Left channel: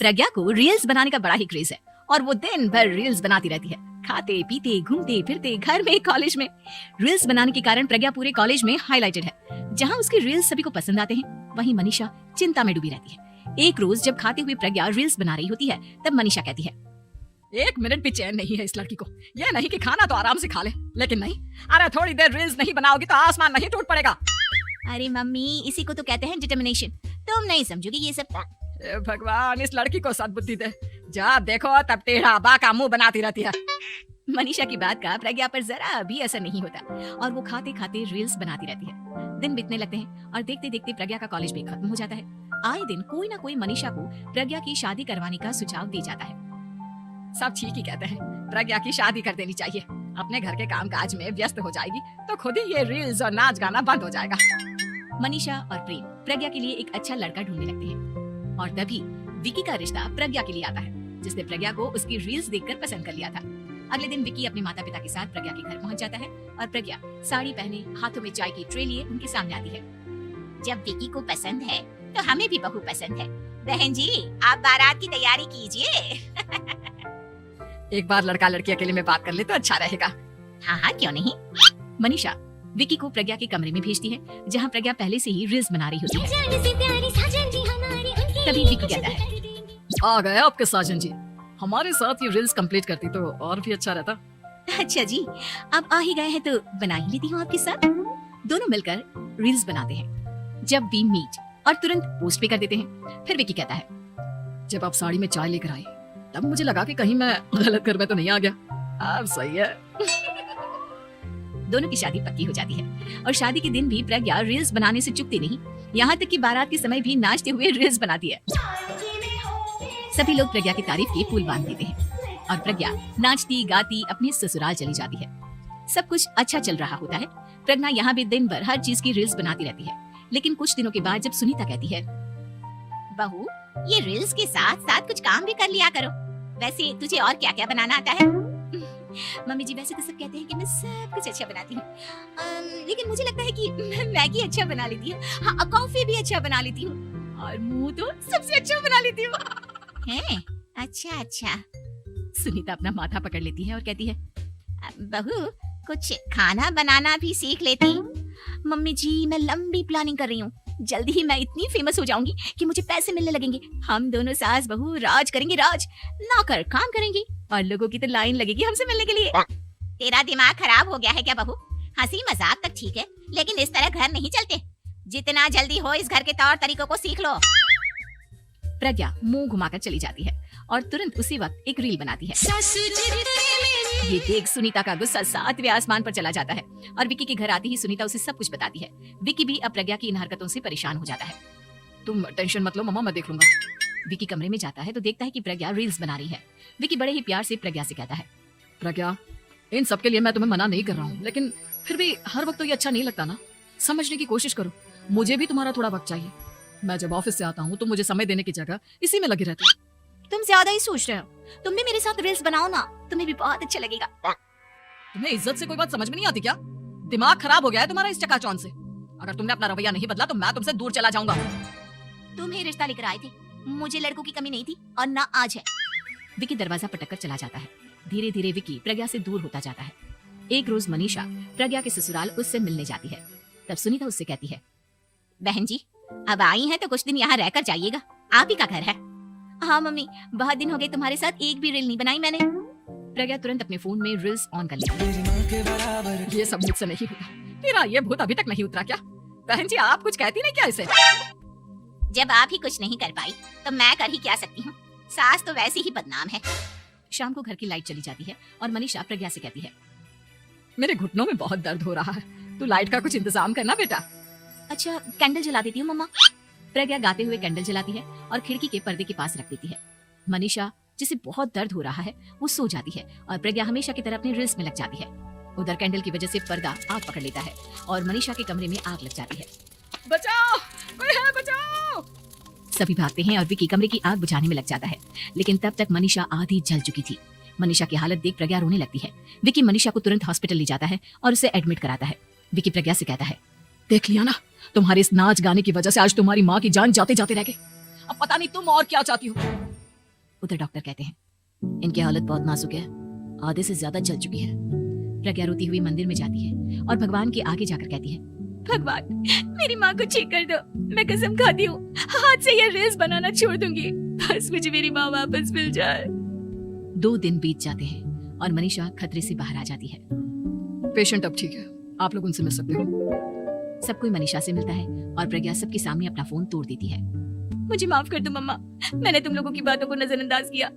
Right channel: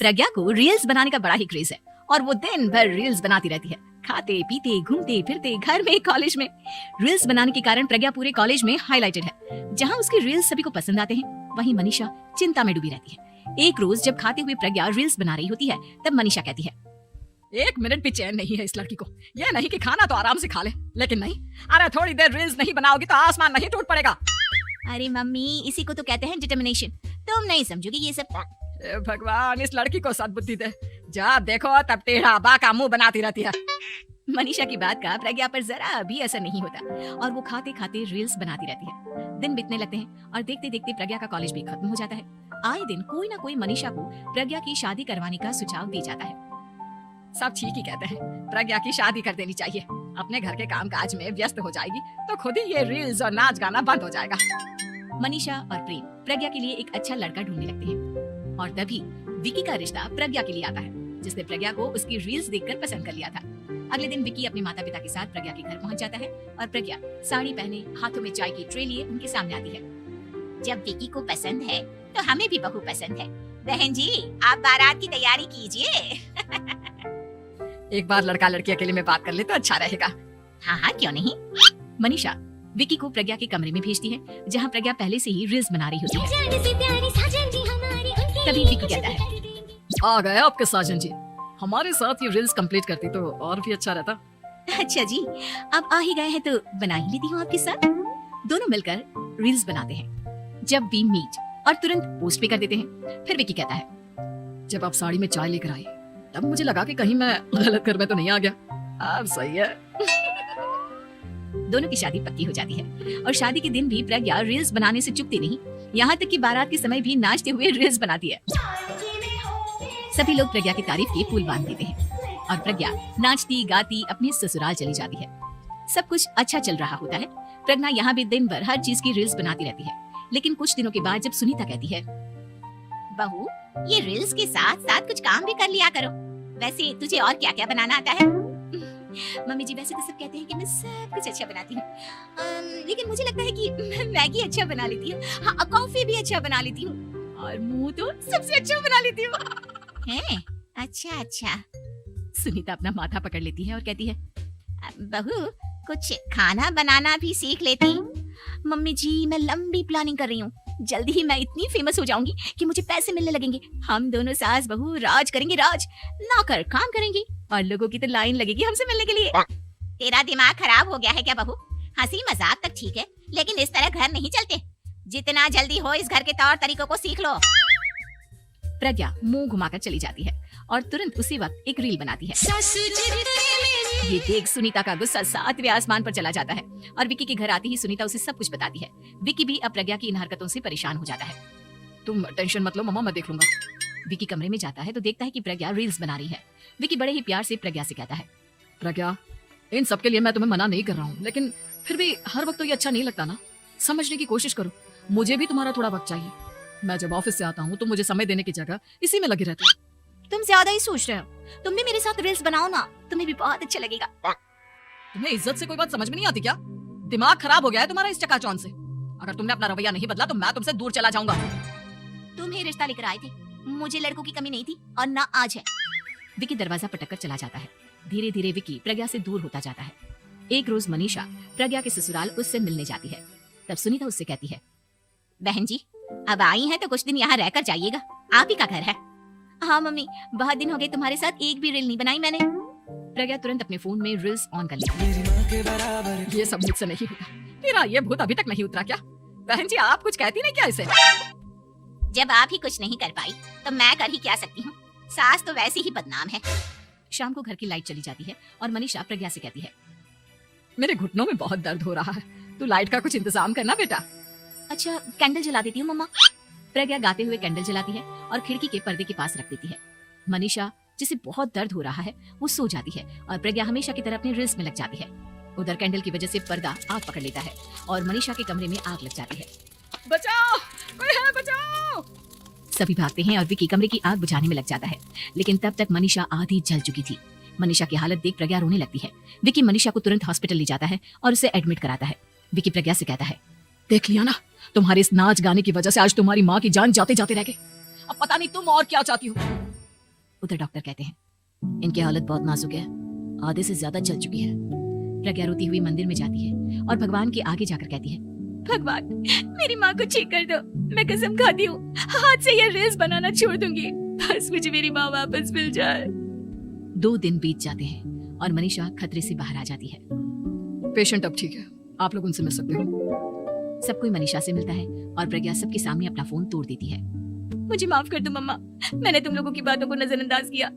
प्रज्ञा को रील्स बनाने का बड़ा ही क्रेज है और वो दिन भर रील्स बनाती रहती है। खाते पीते घूमते फिरते घर में कॉलेज में रील्स बनाने के कारण प्रज्ञा पूरे कॉलेज में हाईलाइटेड है। जहाँ उसके रील्स सभी को पसंद आते हैं, वहीं मनीषा चिंता में डूबी रहती है। एक रोज जब खाते हुए प्रज्ञा रील्स बना रही होती है, तब मनीषा कहती है, एक मिनट भी चैन नहीं है इस लड़की को। ये नहीं कि खाना तो आराम से खा ले, लेकिन नहीं, अरे थोड़ी देर रील्स नहीं बनाओगी तो आसमान नहीं टूट पड़ेगा। अरे मम्मी, इसी को तो कहते हैं डिटर्मिनेशन। तुम नहीं समझोगी ये सब। ए भगवान, इस लड़की को सद्बुद्धि दे। जब देखो तब टेढ़ा बाका मुंह बनाती रहती है। मनीषा की बात का प्रज्ञा पर जरा भी असर नहीं होता और वो खाते खाते रील्स बनाती रहती है। दिन बीतने लगते हैं और देखते देखते प्रज्ञा का कॉलेज भी खत्म हो जाता है। आए दिन कोई ना कोई मनीषा को प्रज्ञा की शादी करवाने का सुझाव दी जाता है। सब ठीक ही कहते हैं, प्रज्ञा की शादी कर देनी चाहिए। अपने घर के कामकाज में व्यस्त हो जाएगी तो खुद ही ये रील्स और नाच गाना बंद हो जाएगा। मनीषा और प्रेम प्रज्ञा के लिए एक अच्छा लड़का ढूंढने लगते हैं और तभी विकी का रिश्ता प्रज्ञा के लिए आता है, जिसने प्रज्ञा को उसकी रील्स देखकर पसंद कर लिया था। अगले दिन विकी अपने माता पिता के साथ प्रज्ञा के घर पहुंच जाता है और प्रज्ञा साड़ी पहने हाथों में चाय की ट्रे लिए उनके सामने आती है। जब विकी को पसंद है तो हमें भी बहुत पसंद है। बहन जी, आप बारात की तैयारी कीजिए। एक बार लड़का लड़की अकेले में बात कर ले तो अच्छा रहेगा। हाँ हाँ, क्यों नहीं। मनीषा विकी को प्रज्ञा के कमरे में भेजती है, जहाँ प्रज्ञा पहले से ही रील्स बना रही होती है। तभी विकी कहता है, आ गए आपके साजन जी, हमारे साथ ये रील्स कंप्लीट करती तो और भी अच्छा रहता। अच्छा जी, अब आ ही गए हैं तो बना ही लेती हूँ आपके साथ। दोनों मिलकर रील्स बनाते हैं। जब टीम मीट और तुरंत पोस्ट पे कर देते हैं। फिर विकी कहता है, जब आप साड़ी में चाय लेकर आई तब मुझे लगा कि कहीं मैं गलत घर में तो नहीं आ गया। अब सही है। दोनों की शादी पक्की हो जाती है और शादी के दिन भी प्रज्ञा रील्स बनाने से चूकती नहीं, यहाँ तक कि बारात के समय भी नाचते हुए रील्स बनाती है। सभी लोग प्रज्ञा की तारीफ के पुल बांध देते हैं और प्रज्ञा नाचती गाती अपने ससुराल चली जाती है। सब कुछ अच्छा चल रहा होता है। प्रज्ञा यहाँ भी दिन भर हर चीज की रील्स बनाती रहती है, लेकिन कुछ दिनों के बाद जब सुनीता कहती है, बहू, ये रील्स के साथ साथ कुछ काम भी कर लिया करो। वैसे तुझे और क्या क्या बनाना आता है? मम्मी जी, वैसे तो सब कहते हैं कि मैं सब कुछ अच्छा बनाती हूँ, लेकिन मुझे लगता है कि मैं मैगी अच्छा बना लेती हूँ, हाँ, कॉफी भी अच्छा बना लेती हूँ और मुंह तो सबसे अच्छा बना लेती हूँ। अच्छा अच्छा। सुनीता अपना माथा पकड़ लेती है और कहती है, बहू, कुछ खाना बनाना भी सीख लेती। मम्मी जी, मैं लंबी प्लानिंग कर रही हूँ। जल्दी ही मैं इतनी फेमस हो जाऊंगी कि मुझे पैसे मिलने लगेंगे। हम दोनों सास बहू राज करेंगे, राज लाकर काम करेंगी और लोगों की तो लाइन लगेगी हमसे मिलने के लिए। तेरा दिमाग खराब हो गया है क्या बहू? हंसी मजाक तो ठीक है, लेकिन इस तरह घर नहीं चलते। जितना जल्दी हो इस घर के तौर तरीकों को सीख लो। प्रज्ञा मुंह घुमाकर चली जाती है और तुरंत उसी वक्त एक रील बनाती है। ये देख सुनीता का गुस्सा 7वें आसमान पर चला जाता है और विकी के घर आती ही सुनीता उसे सब कुछ बताती है। विकी भी अब प्रज्ञा की इन हरकतों से परेशान हो जाता है। तुम टेंशन मत लो मम्मा, मैं देख लूंगा। विकी कमरे में जाता है तो देखता है कि प्रज्ञा रील्स बना रही है। विकी बड़े ही प्यार से प्रज्ञा से कहता है, प्रज्ञा, इन सब के लिए मैं तुम्हें मना नहीं कर रहा हूँ, लेकिन फिर भी हर वक्त तो ये अच्छा नहीं लगता ना। समझने की कोशिश करो, मुझे भी तुम्हारा थोड़ा वक्त चाहिए। मैं जब ऑफिस से आता हूँ तो मुझे समय देने की जगह इसी में लगे रहते हो। तुम ज्यादा ही सोच रहे हो। तुम भी मेरे साथ रील्स बनाओ ना, तुम्हें भी बहुत अच्छा लगेगा। तुम्हें इज्जत से कोई बात समझ में नहीं आती क्या? दिमाग खराब हो गया है तुम्हारा इस चकाचौंध से। अगर तुमने अपना रवैया नहीं बदला तो मैं तुमसे दूर चला जाऊंगा। तुम ही रिश्ता लेकर आए थे, मुझे लड़कों की कमी नहीं थी और ना आज है। विकी दरवाजा पटक कर चला जाता है। धीरे धीरे विकी प्रज्ञा से दूर होता जाता है। एक रोज मनीषा प्रज्ञा के ससुराल उससे मिलने जाती है। तब सुनीता उससे कहती है, बहन जी, अब आई है तो कुछ दिन यहाँ रहकर जाइएगा, आप ही का घर है। हाँ मम्मी, बहुत दिन हो गए तुम्हारे साथ एक भी रील नहीं बनाई मैंने। प्रज्ञा तुरंत अपने फोन में रील्स ऑन कर लेती है। ये सब मुझसे नहीं होता। तेरा ये भूत अभी तक नहीं उतरा क्या? बहन जी, आप कुछ कहती नहीं क्या इसे? जब आप ही कुछ नहीं कर पाई तो मैं कर ही क्या सकती हूँ। सास तो वैसे ही बदनाम है। शाम को घर की लाइट चली जाती है और मनीषा प्रज्ञा से कहती है, मेरे घुटनों में बहुत दर्द हो रहा है, तू लाइट का कुछ इंतजाम करना बेटा। अच्छा, कैंडल जला देती हूँ मम्मा। प्रज्ञा गाते हुए कैंडल जलाती है और खिड़की के पर्दे के पास रख देती है। मनीषा, जिसे बहुत दर्द हो रहा है, वो सो जाती है और प्रज्ञा हमेशा की तरह अपनी रील्स में लग जाती है। उधर कैंडल की वजह से पर्दा आग पकड़ लेता है और मनीषा के कमरे में आग लग जाती है। बचाओ, बचाओ! सभी भागते हैं और विकी कमरे की आग बुझाने में लग जाता है, लेकिन तब तक मनीषा आधी जल चुकी थी। मनीषा की हालत देख प्रज्ञा रोने लगती है। विकी मनीषा को तुरंत हॉस्पिटल ले जाता है और उसे एडमिट कराता है। विकी प्रज्ञा से कहता है, देख लिया ना, तुम्हारे इस नाच गाने की वजह से आज तुम्हारी माँ की जान जाते जाते रह गई। अब पता नहीं तुम और क्या चाहती हो। उधर डॉक्टर कहते हैं, इनकी हालत बहुत नाजुक है, आधे से ज्यादा जल चुकी है। प्रज्ञा रोती हुई मंदिर में जाती है और भगवान के आगे जाकर कहती है, भगवान मेरी माँ को ठीक कर दो, मैं कसम खाती हूँ हाथ से ये रील्स बनाना छोड़ दूंगी, बस मुझे मेरी माँ वापस मिल जाए। 2 दिन बीत जाते हैं और मनीषा खतरे से बाहर आ जाती है। पेशेंट अब ठीक है, आप लोग उनसे मिल सकते हो। सब कोई मनीषा से मिलता है और प्रज्ञा सबके सामने अपना फोन तोड़ देती है। मुझे माफ कर दो मम्मा, मैंने तुम लोगों की बातों को नजरअंदाज किया।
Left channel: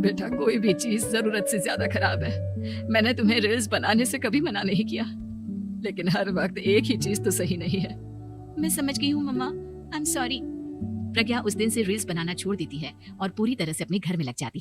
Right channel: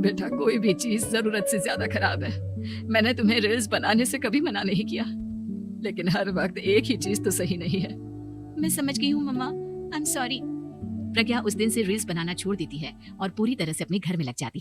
बेटा कोई भी चीज जरूरत से ज्यादा खराब है। मैंने तुम्हें रील्स बनाने से कभी मना नहीं किया, लेकिन हर वक्त एक ही चीज तो सही नहीं है। मैं समझ गई हूँ मम्मा, आई एम सॉरी। प्रज्ञा उस दिन से रील्स बनाना छोड़ देती है और पूरी तरह से अपने घर में लग जाती है।